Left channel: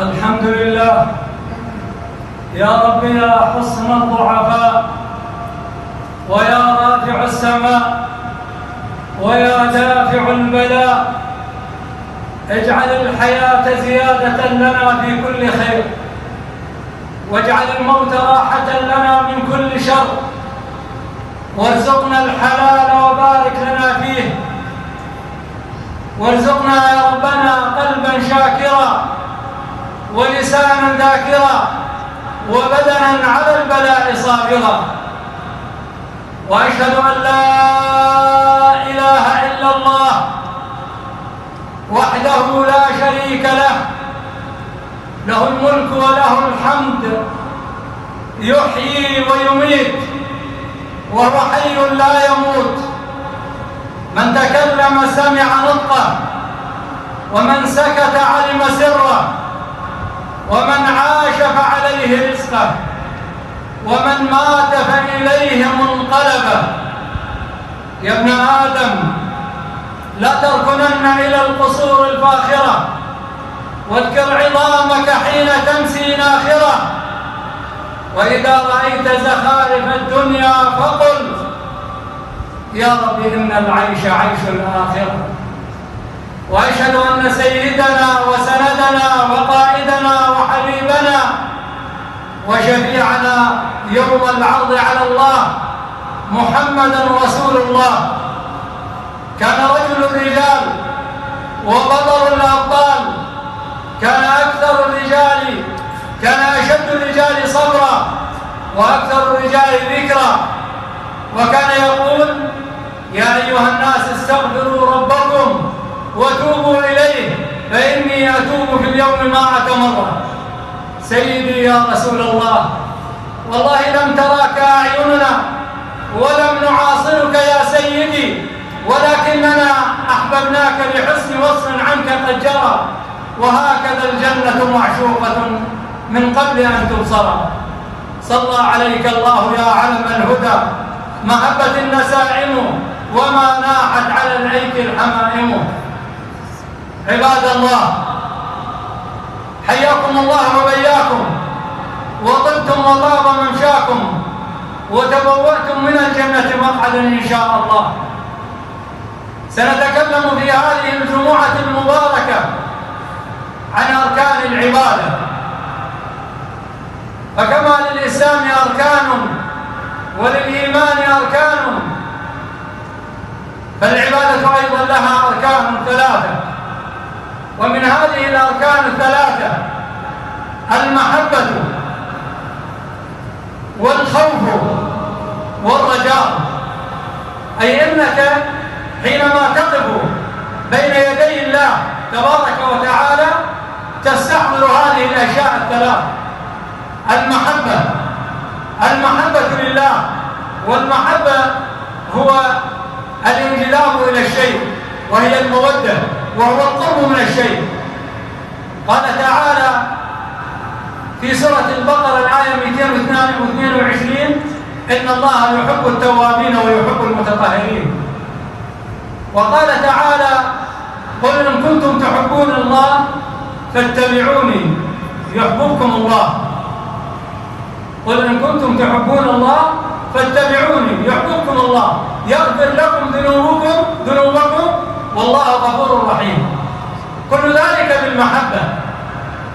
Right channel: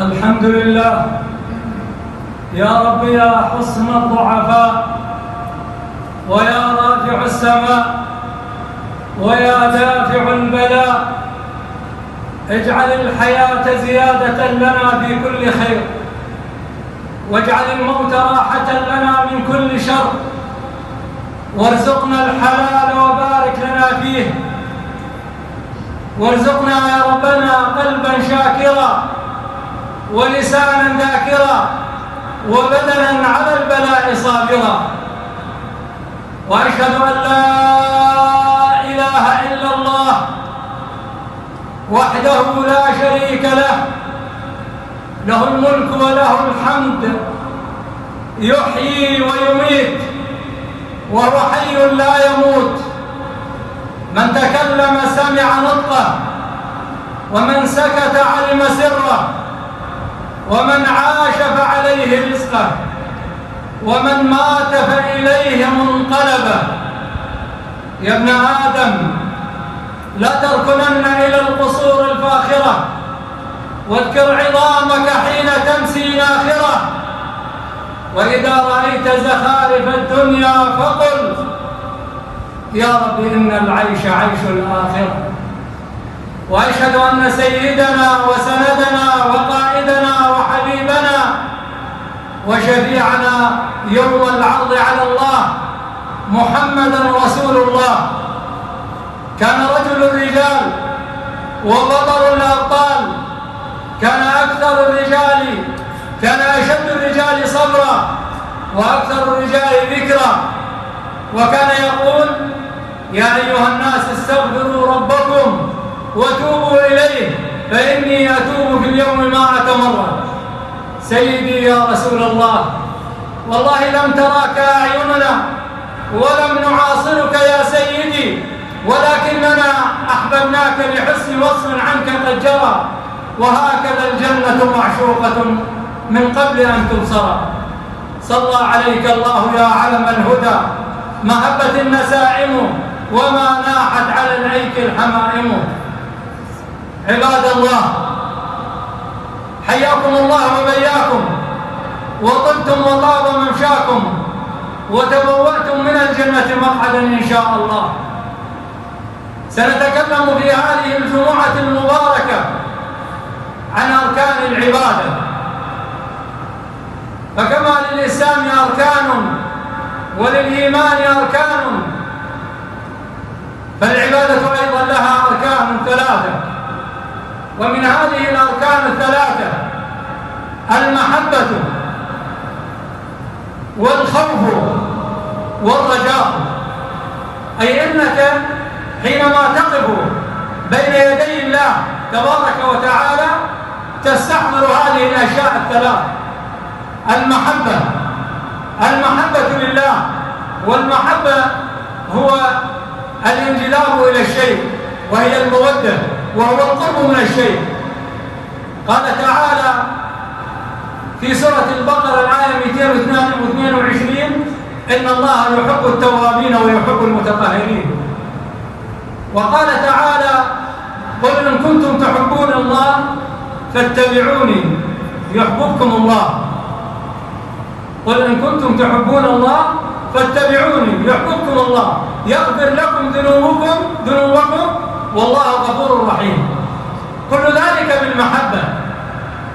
الحمد لله يا رب يا حصن الضعفاء ويا رافع السماء ويا دافع البلاء، اجعل الحياة زيادة لنا في كل خير، واجعل الموت راحة لنا من كل شر، وارزقنا الحلال وبارك لنا فيه، وارزقنا يا ربنا قلبا شاكرا ولسانا ذاكرا وبدنا على البلاء صابرا. وأشهد أن لا إله إلا الله وحده لا شريك له، له الملك وله الحمد، يحيي ويميت وهو حي لا يموت. من تكلم سمع نطقه، ومن سكت علم سره، ومن عاش فعليه رزقه، ومن مات فإليه منقلبه. يا ابن آدم لا تركنن إلى القصور الفاخرة، واذكر عظامك حين تمسي ناخرة، وإذا رأيت زخارف الدنيا فقل يا رب إن العيش عيش الآخرة. وأشهد أن سيدنا وسندنا وقائدنا وحبيبنا وشفيعنا يوم العرض على الله محمدا رسول الله كان رجل الرجال وبطل الأبطال، كان أكثر الرجال، كان أشد الرجال صبرا وأكثر الرجال ذكرا، وكان يقول يا أيها الناس استغفروا ربكم وتوبوا إليه فإني أتوب في اليوم 100 مرة. سيدي يا رسول الله، والله لم تراك أعيننا ولم نعاصرك يا سيدي، ولكننا أحببناك لحسن وصف عنك قد جرى، وهكذا الجنة معشوقة من قبل أن تبصر. صلى عليك الله يا علم الهدى، محبة النسائم وما ناحت على العيك الحمائم. عباد الله، حياكم الله وبياكم، وطبتم وطاب ممشاكم، وتبوأتم من الجنة مقعدا إن شاء الله. سنتكلم في هذه الجمعة المباركة عن أركان العبادة. فكما للإسلام أركان وللإيمان أركان، فالعبادة أيضا لها أركان 3، ومن هذه الأركان 3 المحبة والخوف والرجاء. أي أنك حينما تقف بين يدي الله تبارك وتعالى تستحضر هذه الأشياء 3: المحبة لله، والمحبة هو الانجذاب إلى الشيء، وهي المودة، وهو القرب من الشيء. قال تعالى في سورة البقرة الآية 222: إن الله يحب التوابين ويحب المتطهرين. وقال تعالى: قل إن كنتم تحبون الله فاتبعوني يحببكم الله. قل إن كنتم تحبون الله فاتبعوني يحببكم الله يغفر لكم ذنوبكم والله غفور رحيم. كل ذلك بالمحبة،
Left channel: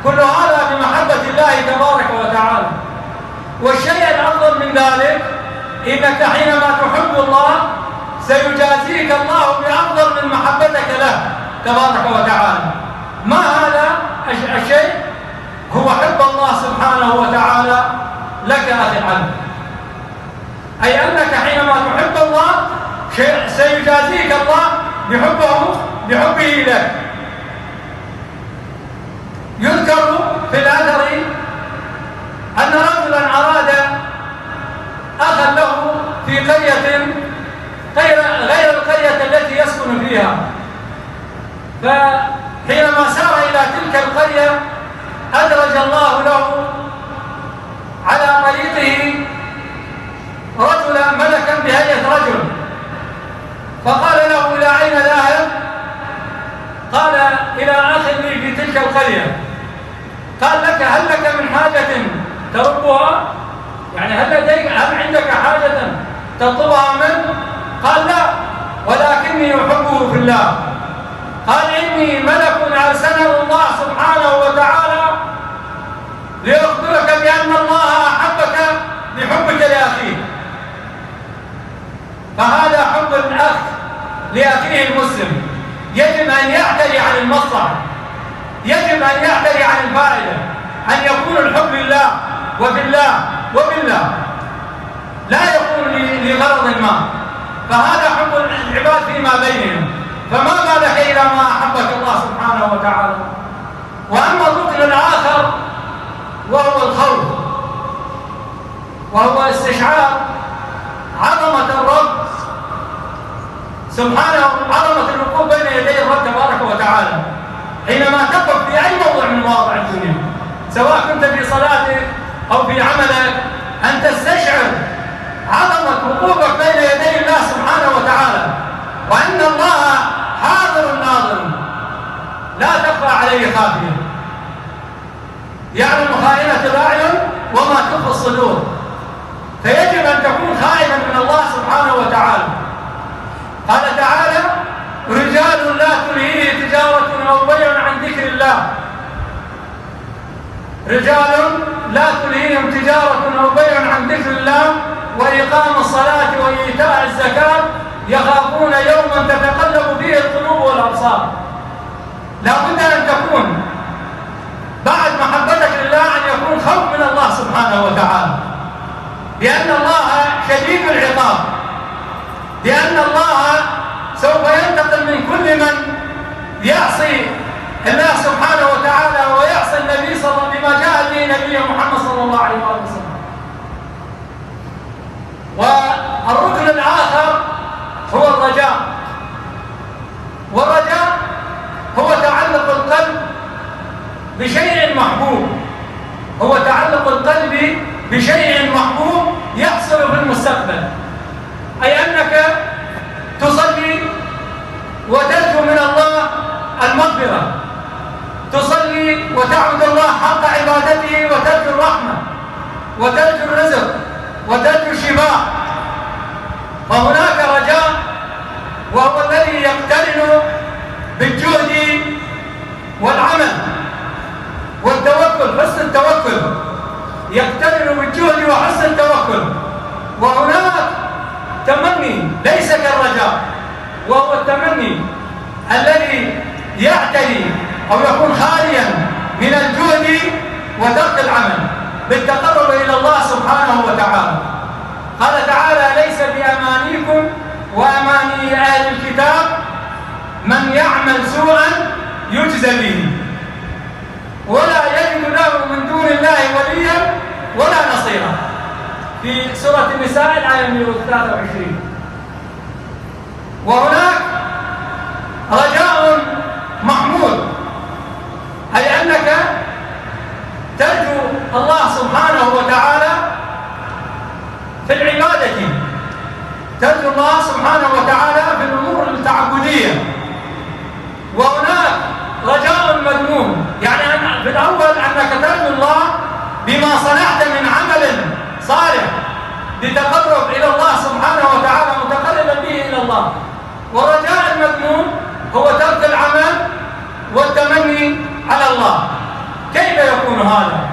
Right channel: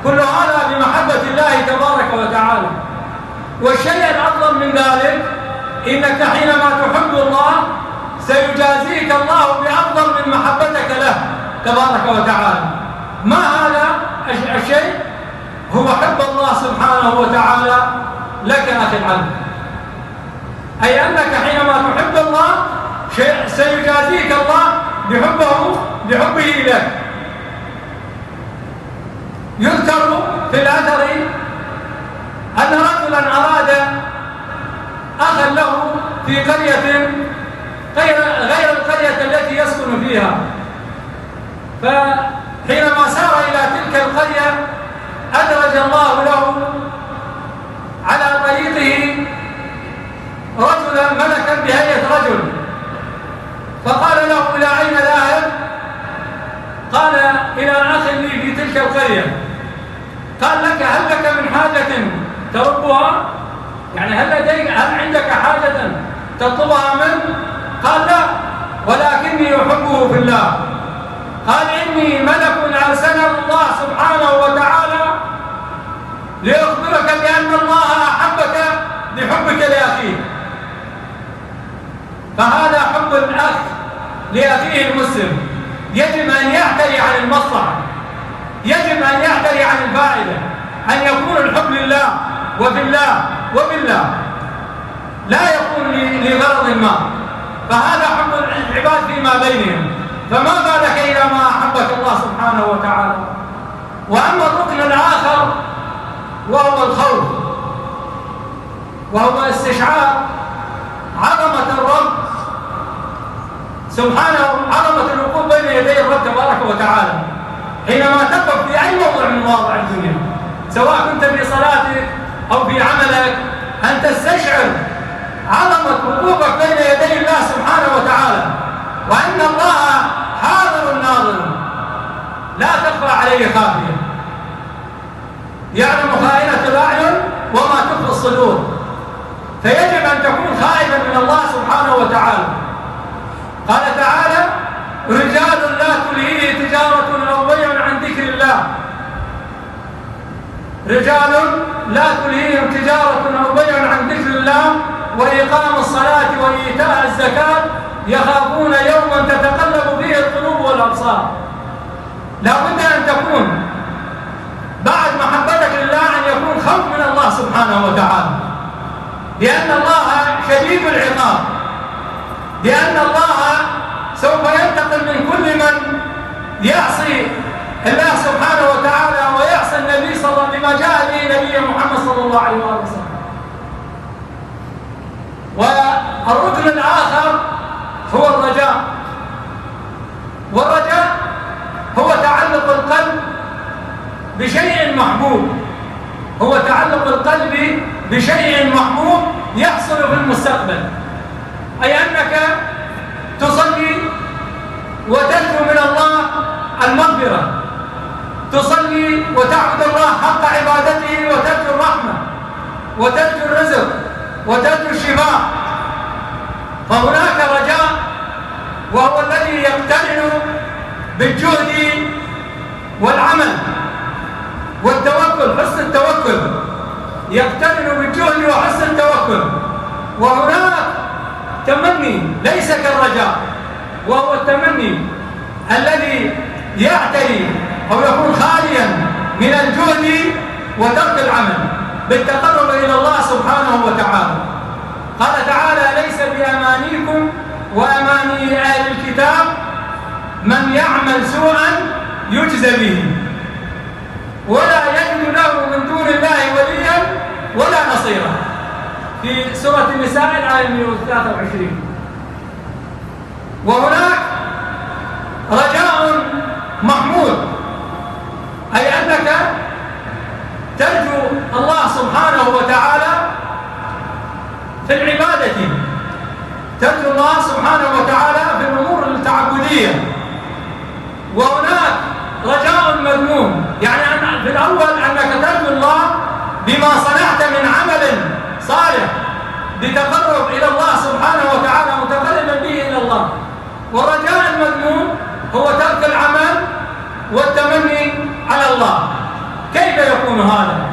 كل هذا بمحبة الله تبارك وتعالى. والشيء الأفضل من ذلك إنك حينما تحب الله سيجازيك الله بأفضل من محبتك له تبارك وتعالى. ما هذا الشيء؟ هو حب الله سبحانه وتعالى لك أخي العبد. أي أنك حينما تحب الله سيجازيك الله بحبه لك. يذكر في الأثر أن رجلا أراد أخا له في قرية غير القرية التي يسكن فيها، فحينما سار إلى تلك القرية أدرج الله له على طريقه رجلا ملكا بهيئة رجل، فقال له: إلى أين ذاهب؟ قال: إلى أخ لي في تلك القرية. قال: هل لك من حاجة تربها؟ يعني هل عندك حاجة تطلبها منه؟ قال: لا، ولكني أحبه في الله. قال: إني ملك أرسله الله سبحانه وتعالى ليخبرك بأن الله أحبك بحبك لأخيه. فهذا حب الأخ لأخيه المسلم يجب أن يعتري عن المصلحة، يجب أن يعتري عن الفائدة، أن يكون الحب لله وفي الله وبالله، لا يكون لغرض ما. فهذا حب العباد فيما بينهم، فما بالك إلى ما أحبك الله سبحانه وتعالى. وأما الركن الآخر وهو الخوف، وهو استشعار عظمة الرب سبحانه، عظمة الوقوف بين يدي الرب تبارك وتعالى حينما تقف في أي موضع من مواضع الدنيا، سواء كنت في صلاتك أو في عملك، أن تستشعر عظمة وقوفك بين يدي الله سبحانه وتعالى، وأن الله حاضر ناظر لا تخفى عليه خافية، يعلم خائنة الأعين وما تخفي الصدور. فيجب أن تكون خائفا من الله سبحانه وتعالى. قال تعالى: رجال لا تلهيه تجارة أو بيع عن ذكر الله. رجال لا تلهيهم تجارة أو بيع عن ذكر الله وإقام الصلاة وإيتاء الزكاة يخافون يوما تتقلب فيه القلوب والأبصار. لا بد أن تكون بعد محبتك لله أن يكون خوف من الله سبحانه وتعالى، لأن الله شديد العقاب، لأن الله سوف ينتقم من كل من يعصي الله سبحانه وتعالى ويعصي النبي صلى الله عليه وسلم بما جاء به نبي محمد صلى الله عليه وسلم. والركن الآخر هو الرجاء، والرجاء هو تعلق القلب بشيء محبوب، هو تعلق القلب بشيء محبوب يحصل في المستقبل، أي أنك تصلي وترجو من الله المغفرة، تصلي وتعبد الله حق عبادته وترجو الرحمة وترجو الرزق وترجو الشفاء، فهناك رجاء وهو الذي يقترن بالجهد والعمل والتوكل، حسن التوكل، يقترن بالجهد وحسن التوكل. وهناك تمني ليس كالرجاء، وهو التمني الذي يعتري أو يكون خاليا من الجهد وترك العمل بالتقرب إلى الله سبحانه وتعالى. قال تعالى: ليس بأمانيكم وأماني أهل الكتاب من يعمل سوءا يجزى به ولا يجد له من دون الله وليا ولا نصيرا، في سورة النساء الآية 123. وهناك رجاء محمود، أي أنك ترجو الله سبحانه وتعالى في العبادة، ترجو الله سبحانه وتعالى في الأمور التعبدية. وهناك رجاء مذموم، يعني في الأول أنك ترجو الله بما صنعت من عمل صالح لتقرب إلى الله سبحانه وتعالى متقربا به إلى الله. ورجاء المذموم هو ترك العمل والتمني على الله. كيف يكون هذا؟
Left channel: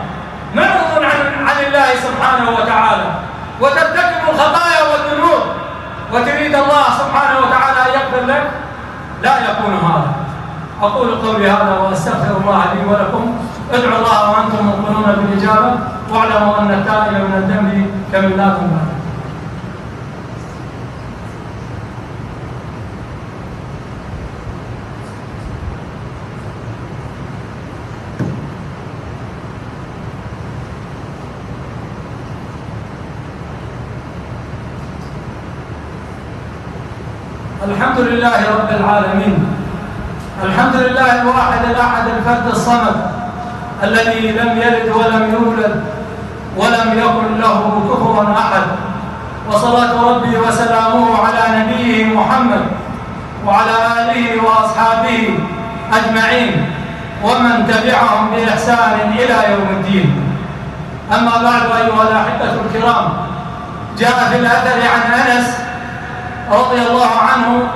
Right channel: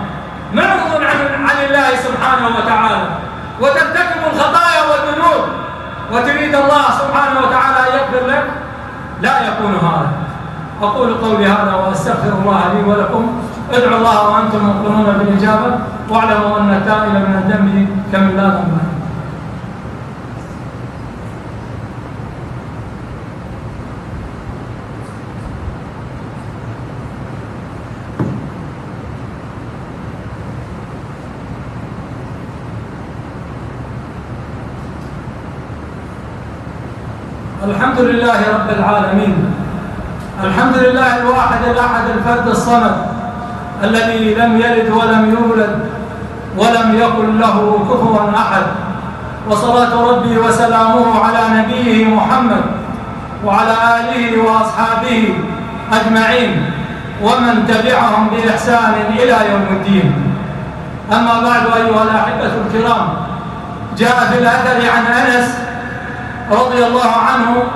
معرض عن الله سبحانه وتعالى وترتكب الخطايا والذنوب وتريد الله سبحانه وتعالى أن يغفر لك، لا يكون هذا. أقول قولي هذا وأستغفر الله لي ولكم. ادعوا الله وأنتم موقنون بالإجابة، واعلموا أن التائب من الذنب كمن لا ذنب له. الحمد لله رب العالمين، الحمد لله الواحد الأحد الفرد الصمد الذي لم يلد ولم يولد ولم يكن له كفوا أحد، وصلاة ربي وسلامه على نبيه محمد وعلى آله وأصحابه أجمعين ومن تبعهم بإحسان إلى يوم الدين. أما بعد، أيها الأحبة الكرام، جاء في الأثر عن أنس رضي الله عنه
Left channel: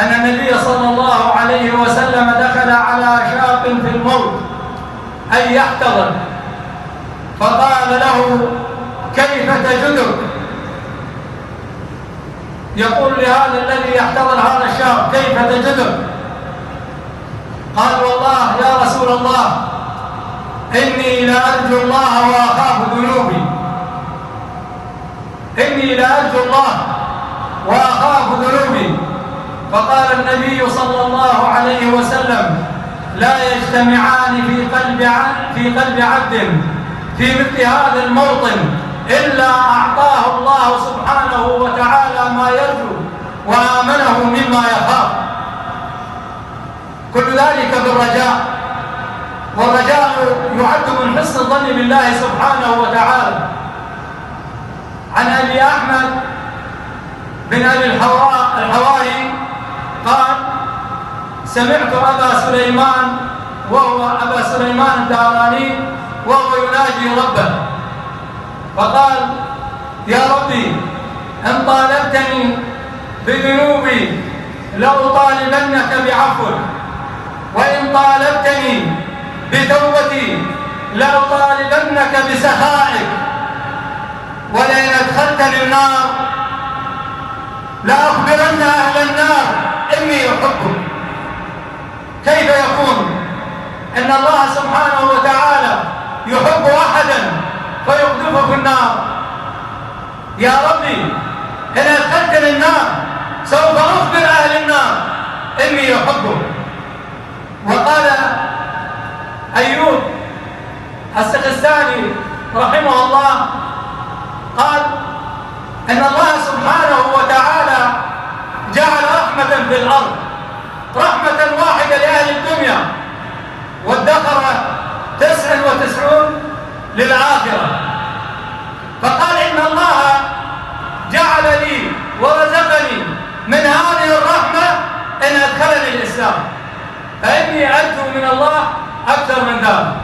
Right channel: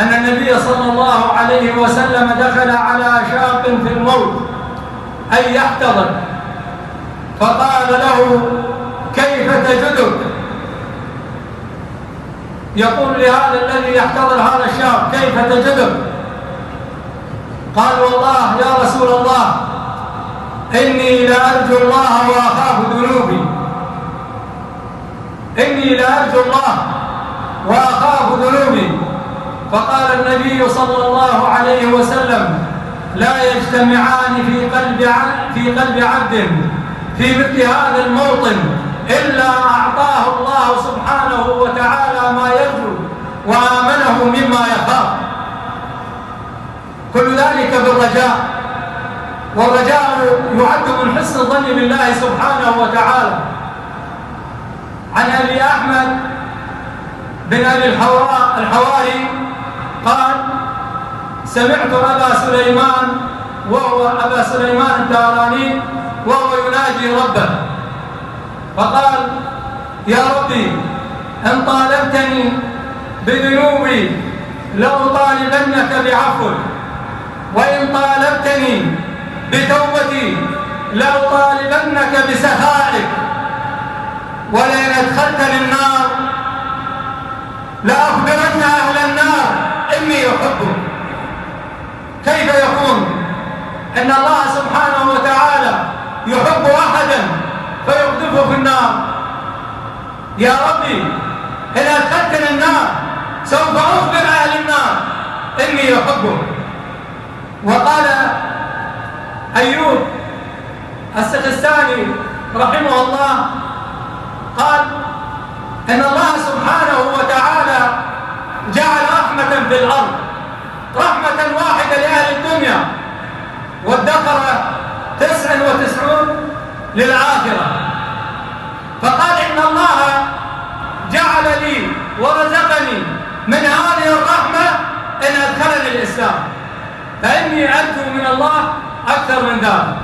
أن النبي صلى الله عليه وسلم دخل على شاب في الموت أي يحتضر، فقال له: كيف تجدك؟ يقول لهذا الذي يحتضر هذا الشاب: كيف تجدك؟ قال: والله يا رسول الله إني لأرجو الله وأخاف ذنوبي، إني لأرجو الله وأخاف ذنوبي. فقال النبي صلى الله عليه وسلم: لا يجتمعان في قلب عبد في مثل هذا الموطن إلا أعطاه الله سبحانه وتعالى ما يرجو وآمنه مما يخاف. كل ذلك بالرجاء، والرجاء يعد من حسن الظن بالله سبحانه وتعالى. عن أبي أحمد بن أبي الحواري قال: سمعت أبا سليمان الداراني وهو يناجي ربه فقال: يا ربي إن طالبتني بذنوبي لأطالبنك بعفوك، وإن طالبتني بتوبتي لأطالبنك بسخائك، ولئن أدخلتني النار لأخبرن أهل النار إني أحبك. كيف يكون أن الله سبحانه وتعالى يحب أحدا فيقذفه في النار؟ يا ربي إن أدخلتني النار سوف أخبر أهل النار إني أحبك. وقال أيوب السجستاني رحمه الله قال إن الله سبحانه وتعالى جعل رحمة في الأرض، رحمة واحدة لأهل الدنيا، وادخر 99 للآخرة. فقال إن الله جعل لي ورزقني من هذه الرحمة إن أدخلني الإسلام، فإني أرجو من الله أكثر من ذلك.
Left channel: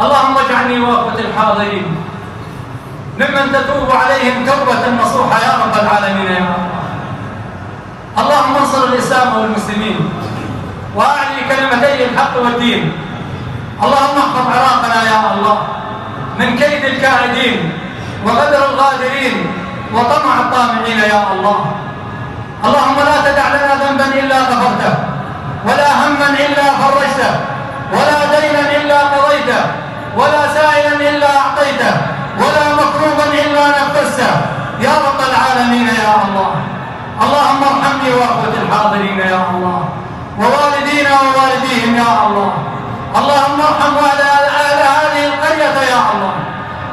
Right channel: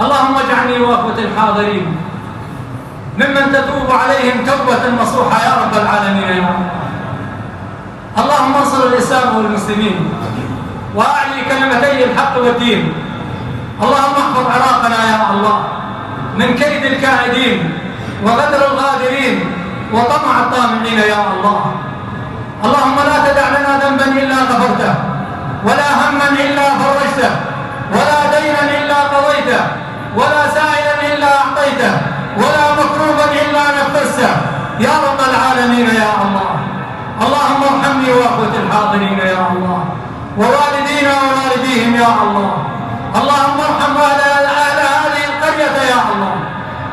اللهم اجعلني وأخوة الحاضرين ممن تتوب عليهم توبة نصوحة يا رب العالمين يا الله. اللهم انصر الإسلام والمسلمين وأعلي كلمتي الحق والدين. اللهم احفظ عراقنا يا الله من كيد الكائدين وغدر الغادرين وطمع الطامعين يا الله. اللهم لا تدع لنا ذنبا إلا غفرته، ولا هما إلا فرجته، ولا دينا إلا قضيته، ولا سائلا إلا أعطيته، ولا مكروبا إلا نفسته يا رب العالمين يا الله. اللهم ارحمني وأخوة الحاضرين يا الله، ووالدينا ووالديهم يا الله. اللهم ارحم أهل هذه القرية يا الله،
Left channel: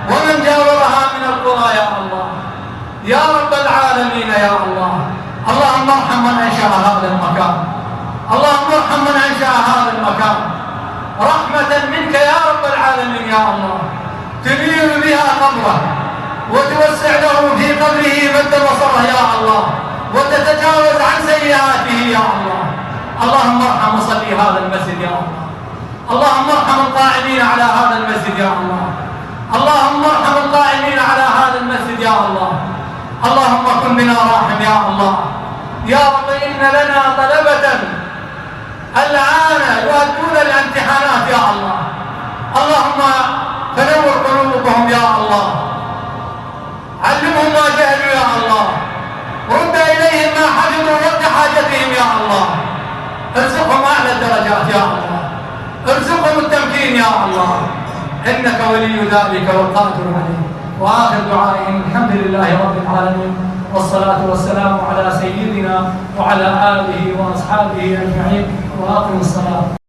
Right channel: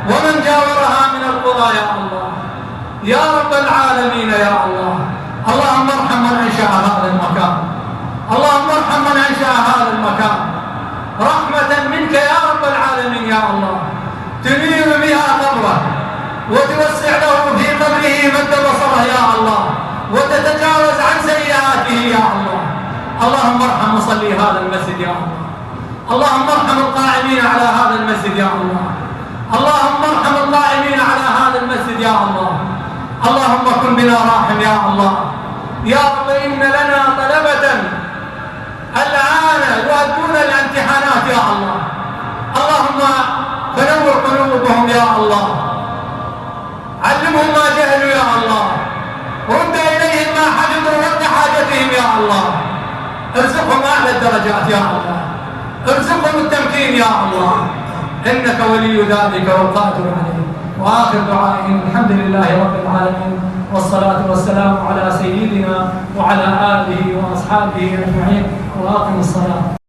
ومن جاورها من القرى يا الله يا رب العالمين يا الله. اللهم ارحم من أنشأ هذا المكان، اللهم ارحم من أنشأ هذا المكان رحمة منك يا رب العالمين يا الله، تنير بها قبره وتوسع له في قبره مد بصره يا الله، وتتجاوز عن سيئاته يا الله. اللهم ارحم مصلي هذا المسجد يا الله، اللهم ارحم القائمين على هذا المسجد يا الله، اللهم ارحم القائمين على هذا المسجد يا الله. اللهم كن بنا راحم يا الله يا رب. إن لنا طلبة الآن يؤدون الامتحانات يا الله، اللهم فنور قلوبهم يا الله، علمهم ما جهلوا يا الله، رد إليهم ما حفظوا ورد حاجتهم يا الله، ارزقهم أعلى الدرجات يا الله، ارزقهم التمكين يا الله، إنك ولي ذلك والقادر عليه. وآخر دعائهم الحمد لله رب العالمين، والصلاة والسلام على سيدنا وعلى آله وأصحابه أجمعين، وأقم الصلاة.